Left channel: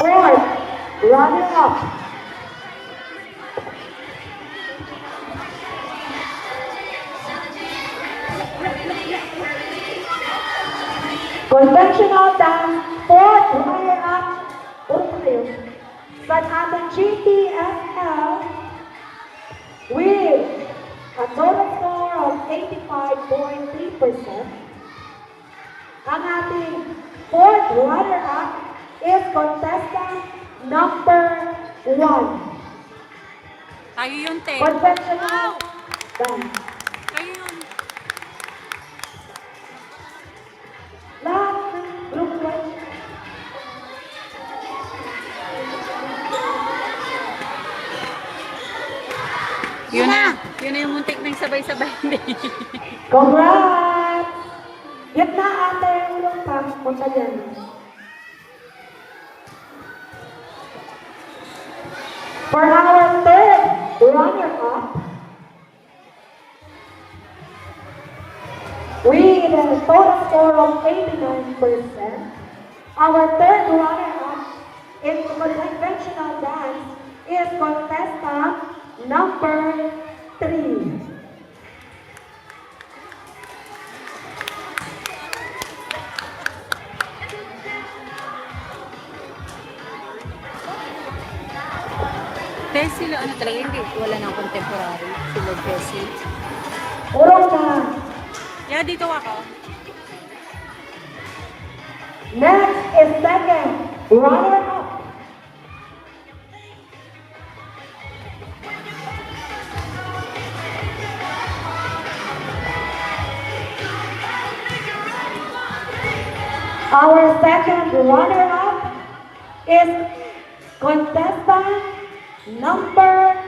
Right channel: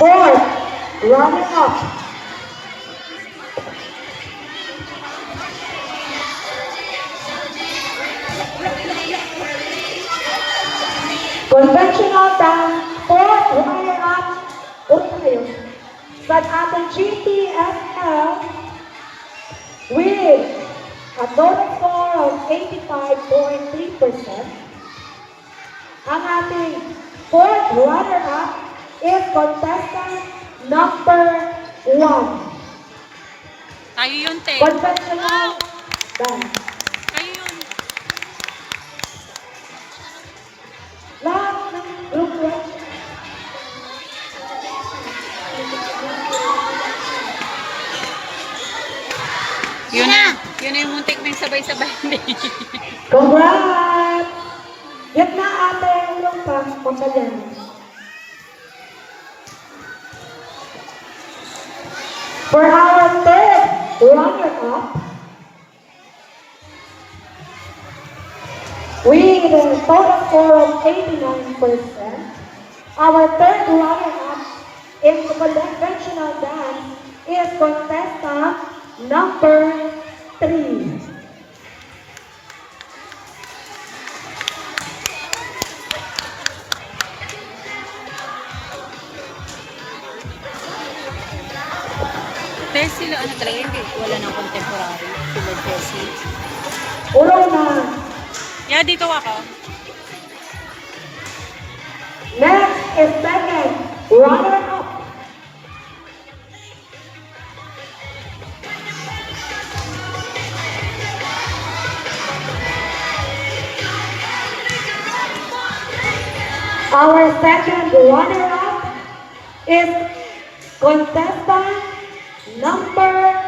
Fourth, runner-up. Conventional dance, fourth runner-up, Utley. Sa ating GTSL with a total score of 85.3%. Ang ating fourth runner-up is contestant number 1. Tayo yun, te. Conventional dance. Tayo yun. Lahat ng grupo. Yun na. Yun na yung muntik na yung sabay-sabay. Congrats! Yan na ate yung punta dyan. For our third runner-up, with a total score of 89%, our third runner-up in the conventional dance is contestant number 3. Pero sila, ano talaga, hindi. Wala nang contemporary. Sila Jessie. Puro na. Yeah, dito ako. Next is second runner-up. Our second runner-up is contestant number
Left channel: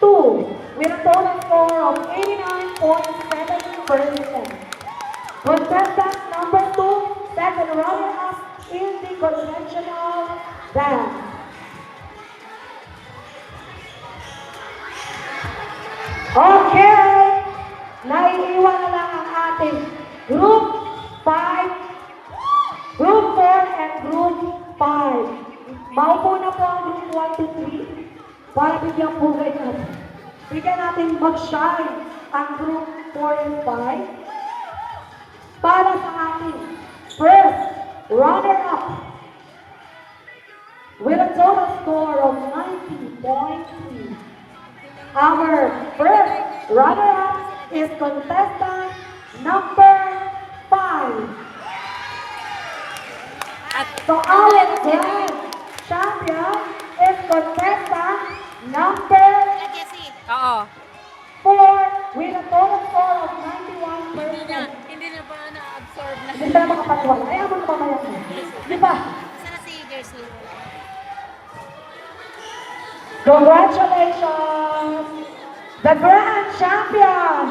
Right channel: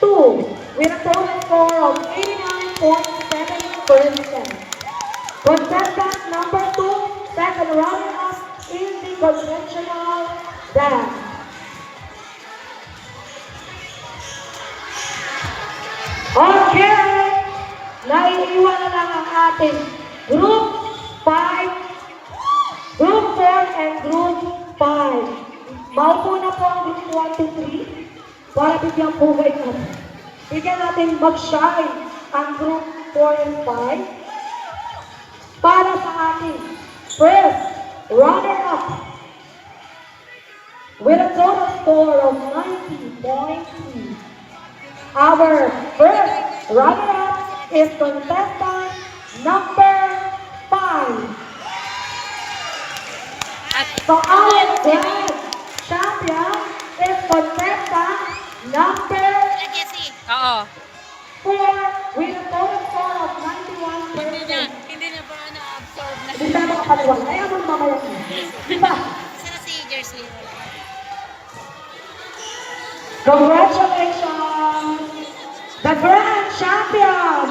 2 with a total score of 89.7%. Contestant number 2, second runner-up in the conventional dance. Okay, naiiwan na ang ating group 5, group 4 and group 5. Maupo na po ang group 1 to 3 para bigyan po kayo. Bigyan natin mag-shine ang group 4 and 5 para sa ating first runner-up with a total score of 90.3. Our first runner-up is contestant number 5. At Our grand champion is contestant number oo. 4 with a total score of Hindi 91%. na ba na-absorb na? Hindi tayo makapaliwan. Ayaw mo naman yan. Diba? Si Jersey. Congratulations! The grand champion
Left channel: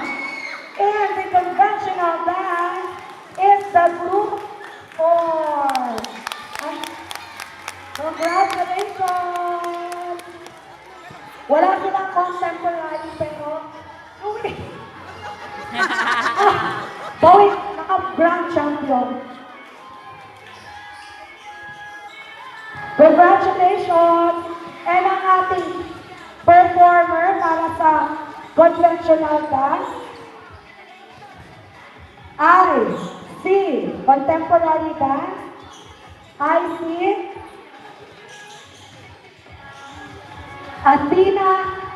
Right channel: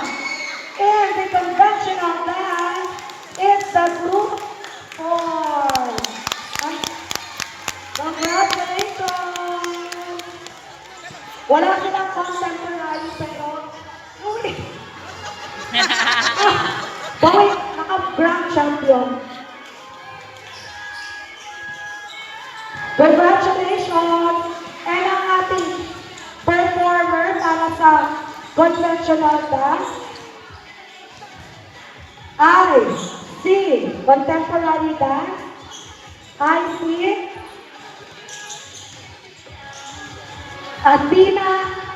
in the conventional dance is the group 4. Congratulations! Wala silang contemporary pero uy! Boy, naka-grand champion. Congratulations! And ang ating performer para sa conventional dance, Alice C. Contemporary dance, IC, Athena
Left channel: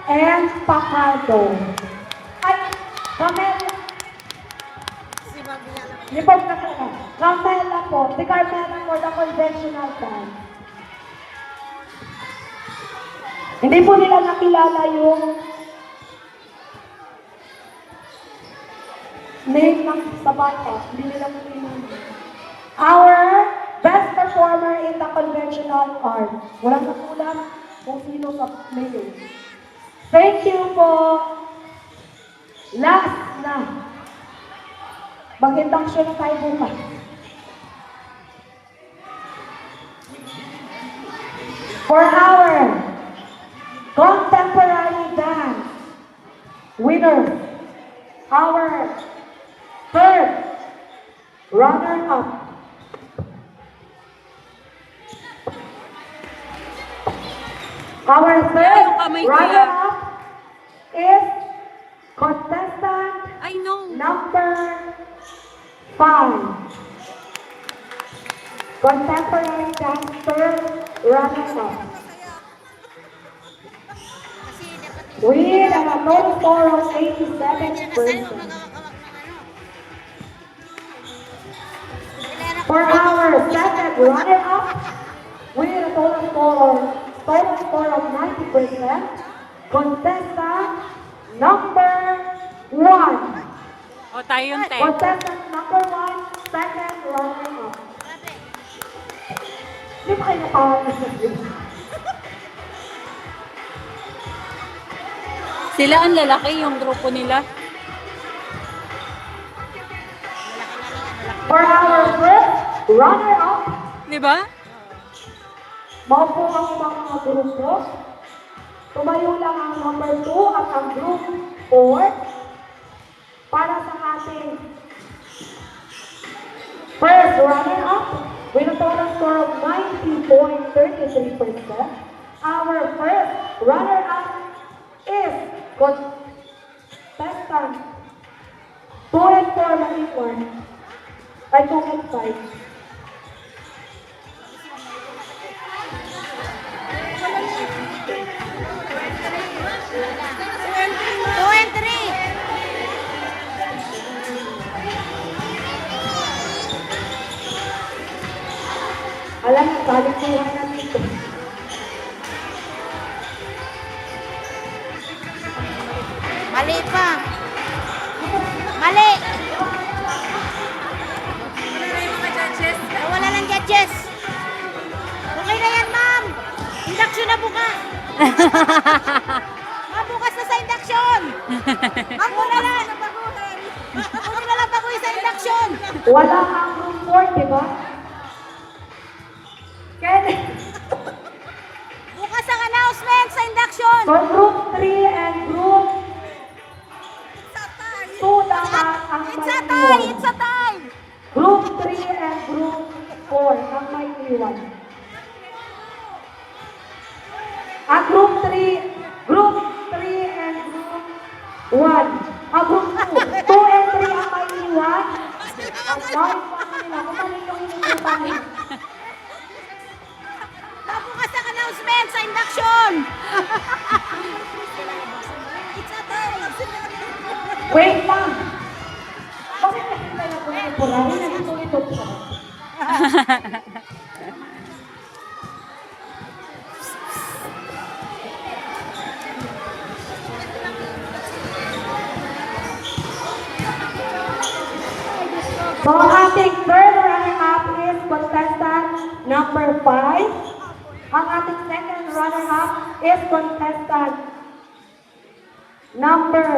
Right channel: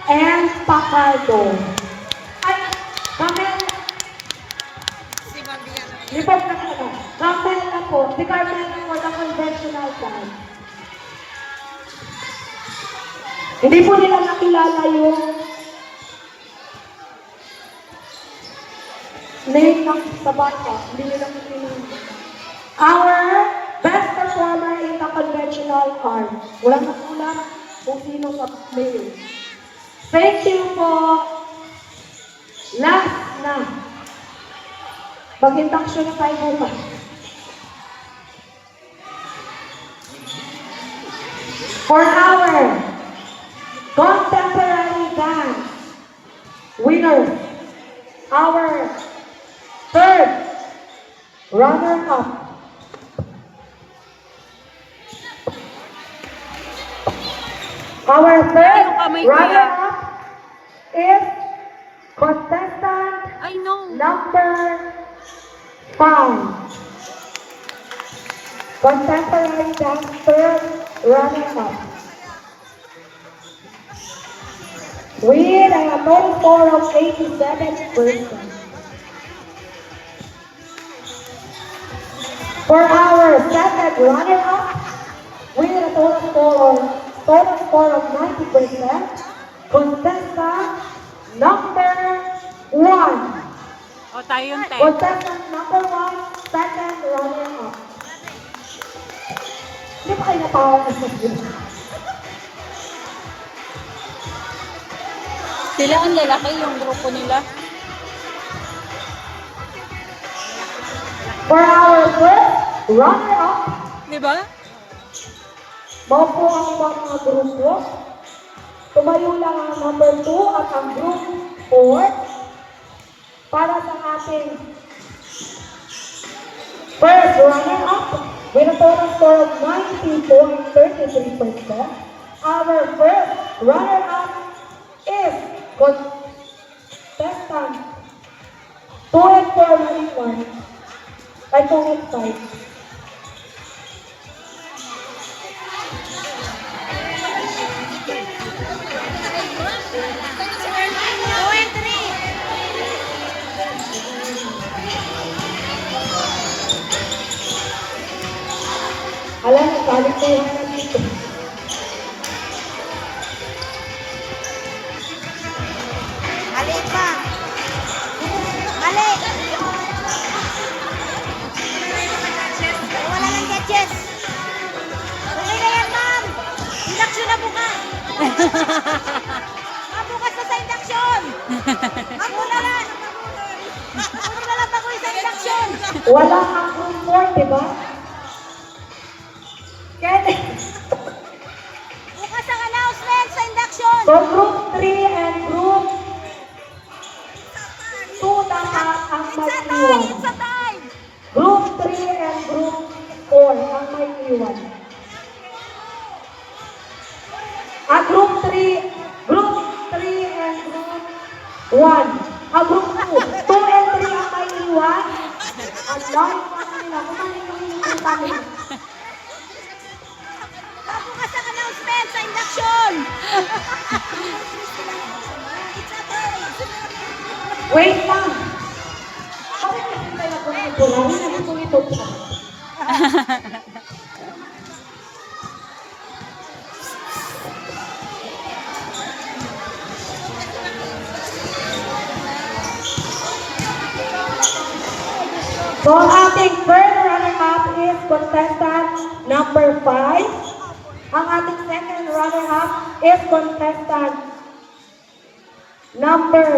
and Pacardo. Ay, Camel, Si Mabia. lipag na ka. Camel na po, si Carmen na po ng conventional dance. Hindi po nila nakilala yung name ng sa bata. Hindi nila nakilala. Our best performer in the conventional art. Wala na po lang kung sino sa player. Thank you po. Last na. Mag-induction tayo bukas. For our contemporary dance winner, our third runner-up Our Kaya first yung kamay ko, runner-up is contestant I know. number 5. Contemporary dancer runner-up. With a total score of 87%. For our second runner-up, with a total score of 90%, contestant number 1. O, tayo yung 10. Contestant number 1, second runner-up. Hindi pa kayo napawalan sa video. Sila ang lalaki, yung grupo nila. For our first runner-up, Di ba? maupo ang mga grupo. Tumayo lang ang number 2 at ang group 4 para sa ating first runner-up with a total score of 90.33%. Our first runner-up is contestant 2.4 ay 2.5. Alam mo, balik ko lang natin ito. Mali pa. Mali. Wala lang gadgets. Okay na yan, ma'am. Induction na bukas. Bukas na sa induction. Ako na lang. Ako na lang bago sa induction. Wala kang group 4, di ba? Kaya Bukas ang announcement sa induction. so group 3 and group 2 naman ang It's a may time. iwan. It's a time. Group 3 and group 4 ang may iwan. Ang group 3 and group 1. Ang group 2 and 3 ang may iwan. Ang may Bukas ang announcement sa induction. It's a time. Wait lang. Bakit kasi tayo ito lang? Ito pa. So, ang ating first runner-up is contestant number 5. Ang ating second runner-up is contestant number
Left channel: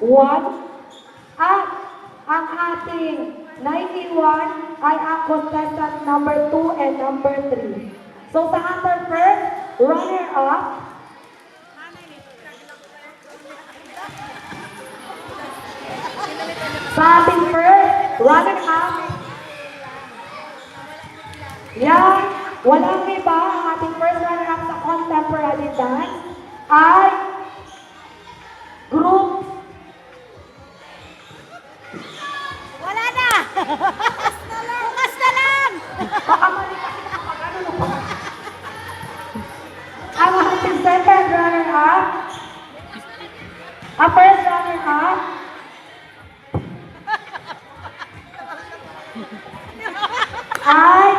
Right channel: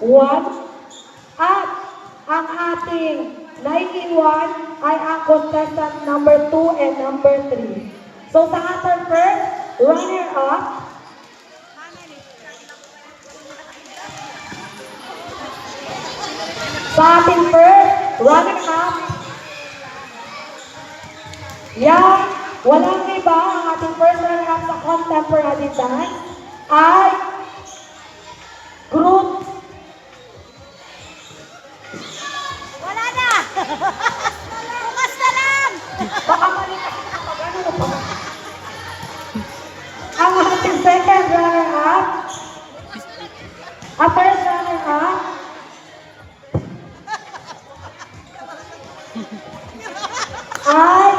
1. At ang ating 9-in-1 ay ang contestant number 2 and number 3. So, sa ating first runner-up, sa ating first runner-up, yan, walang iba ang ating first runner-up sa contemporary dance ay group Wala na. Bukas na lang. ang ating second runner-up, ang first runner-up, ay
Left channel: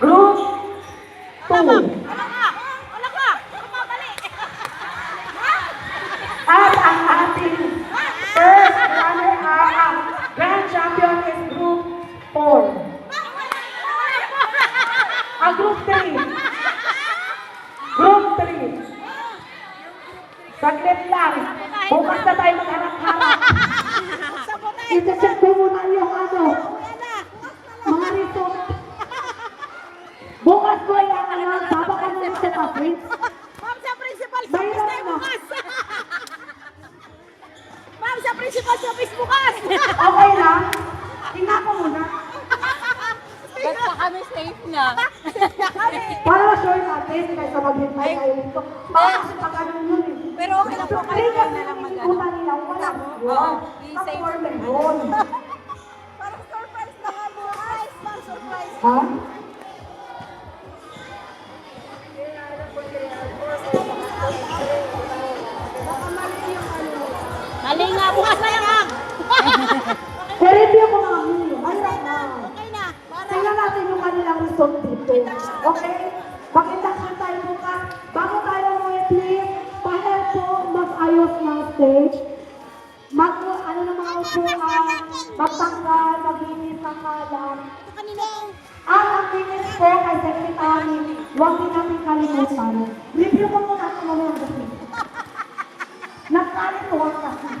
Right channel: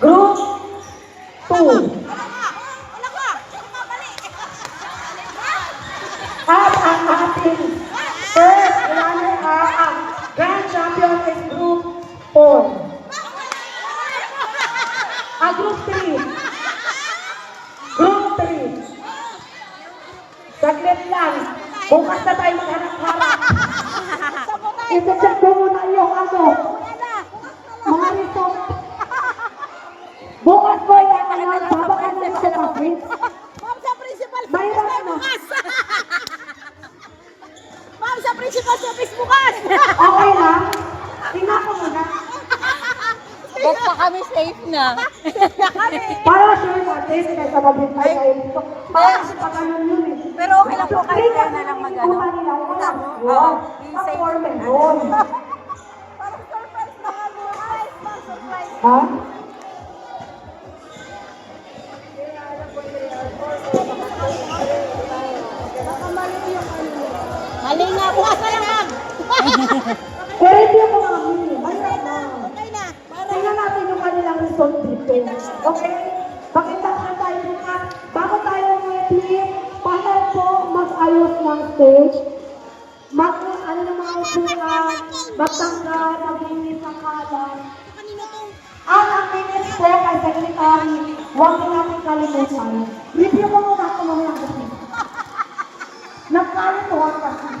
group 2. Wala ka. Mali. At ang ating first runner-up, grand champion is group 4. Ang group 3. Group 3. Saglit lang. Bukas na tayo sa harap-harap. I-check ko muna yung ano, Wala na. mga result. Bukas ko i-announce habang ano ito kasi. Ma'am sa principal Mayroon office tayo na. bukas. Ma'am sa principal office bukas. Okay lang. Tingnan ko muna. Ba't pa kami safe na? Para sure natin, kaysa mag-reply kayo dito. Kasi pakayon yun eh. Pero okay lang po kahit kayo na lang mag-ano. Oo, i-save Parang surprise na kami. Ay, surprise. Ha? Baka mali yung ano nila. Mali nga, bukas na lang ang. Pero hindi ko kami. Okay na. Okay na. Tingnan natin yung kanilang result dito. Okay? Pakita ka tayo bukas. Bago tayo ready, pahal po mag-ayos ng stage. Ano naman po matanggal, maglinis ang kalan. Kanina ang Ang minutes po kay Secretary, huwag mo natin kalimutan. Review mo muna ito mamaya kasi. Nagkalimutan kasi.